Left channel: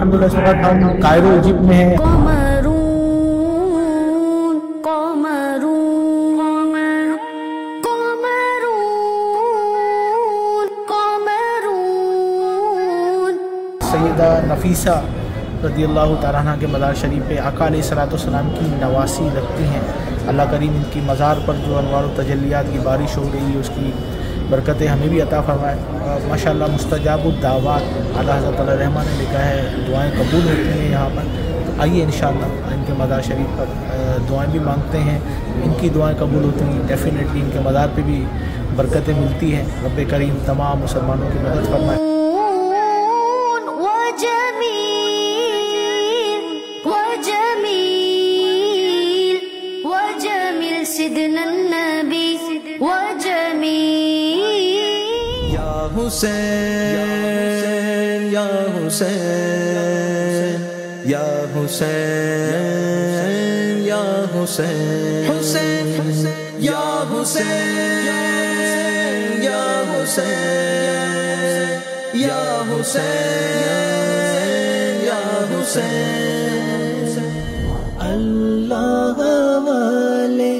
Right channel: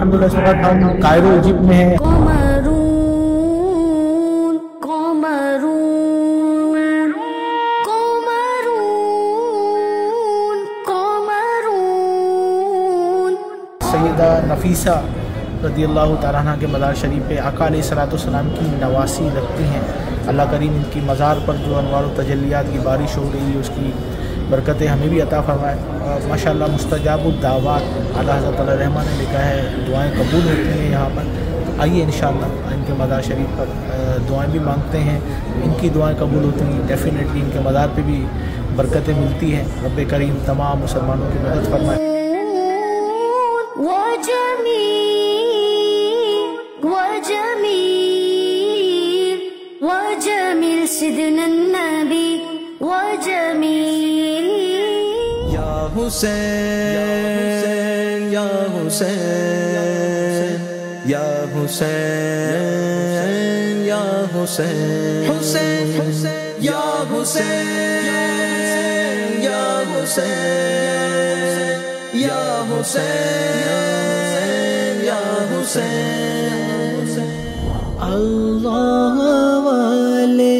अल्हम्दुलिल्लाह इस वक्त हम कायरो इजिप्ट में हैं। सैयदा नफीसा रज़ियल्लाहु ताला अन्हा के मज़ार शरीफ पे आका अलैहिस्सलाम की नवासी लगती हैं। अल्लाह करीम इनकी मज़ार पर जो अनवार व तजल्लियात की बारिश हो रही है उसकी बरकतें हमें भी अता फरमाए। माशाअल्लाह मुस्तजाबुद दावात आला हज़रत रहमान ने लिखा है दुआएं कबूल होती हैं यहाँ पर। तो आइए इंशाअल्लाह इनके मज़ार शरीफ पर दुआएं भी मांगते हैं, इनकी दुआएं कबूल होती हैं। डेफिनेटली इनके मज़ार पे भी बरकतें मिलती हैं। रब्बे करीम तमाम मुसलमानों की मदद फरमाए। या हुसैन या हुसैन या हुसैन या हुसैन हुसैन या हुसैन या हुसैन या हुसैन या हुसैन। अल्लाह वाले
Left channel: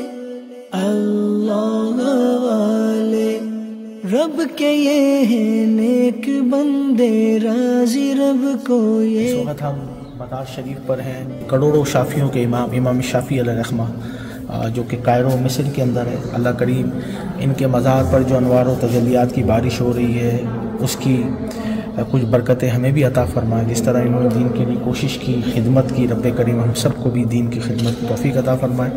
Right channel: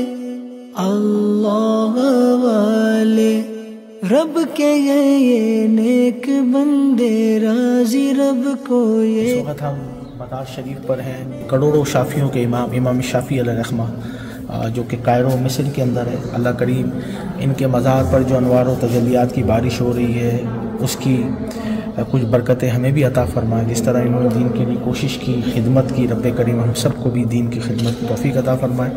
रब के ये नेक बंदे राजी रब को ये। इस वक्त हम मज़ार शरीफ पर हैं। करोड़ों शाफियों के इमाम शाफी अलैहिर्रहमा जो कि कायरो मिस्र के अंदर है। अल्लाह करीम इनके मज़ार पर जो अनवार व तजल्लियात की बारिश हो रही है उसकी कुछ बरकतें हमें भी अता फरमाए। जिस तरह इन्होंने दीन के लिए कोशिश की, खिदमत की, रब्बे करीम हम सबको भी दीन की खिदमत की तौफीक अता फरमाए।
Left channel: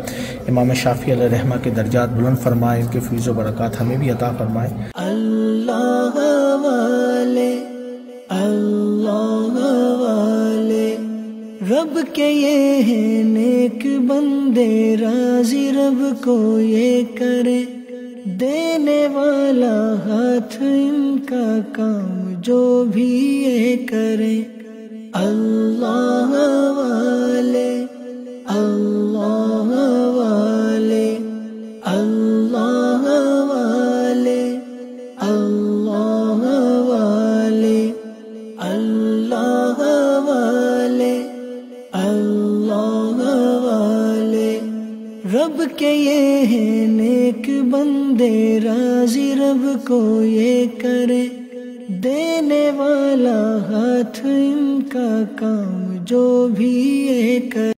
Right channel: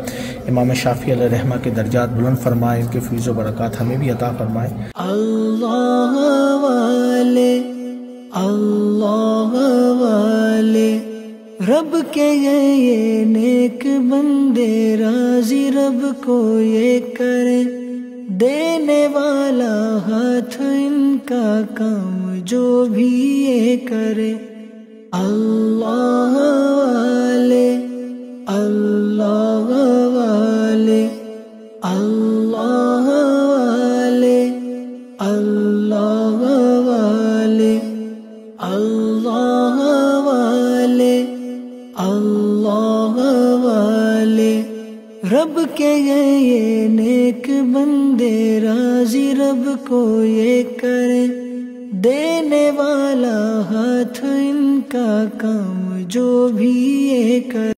इमाम शाफी अलैहिर्रहमा के दर्जात बुलंद फरमाए, इनके फैज़ व बरक़ात हमें भी अता फरमाए। अल्लाह वाले रब के ये नेक बंदे राजी रब को ये करे। देने वाला हाथ इनका काम जो भी ये करे। अल्लाह वाले अल्लाह वाले अल्लाह वाले अल्लाह वाले अल्लाह वाले अल्लाह वाले रब के ये नेक बंदे राजी रब को ये करे। देने वाला हाथ इनका काम जो भी ये करे।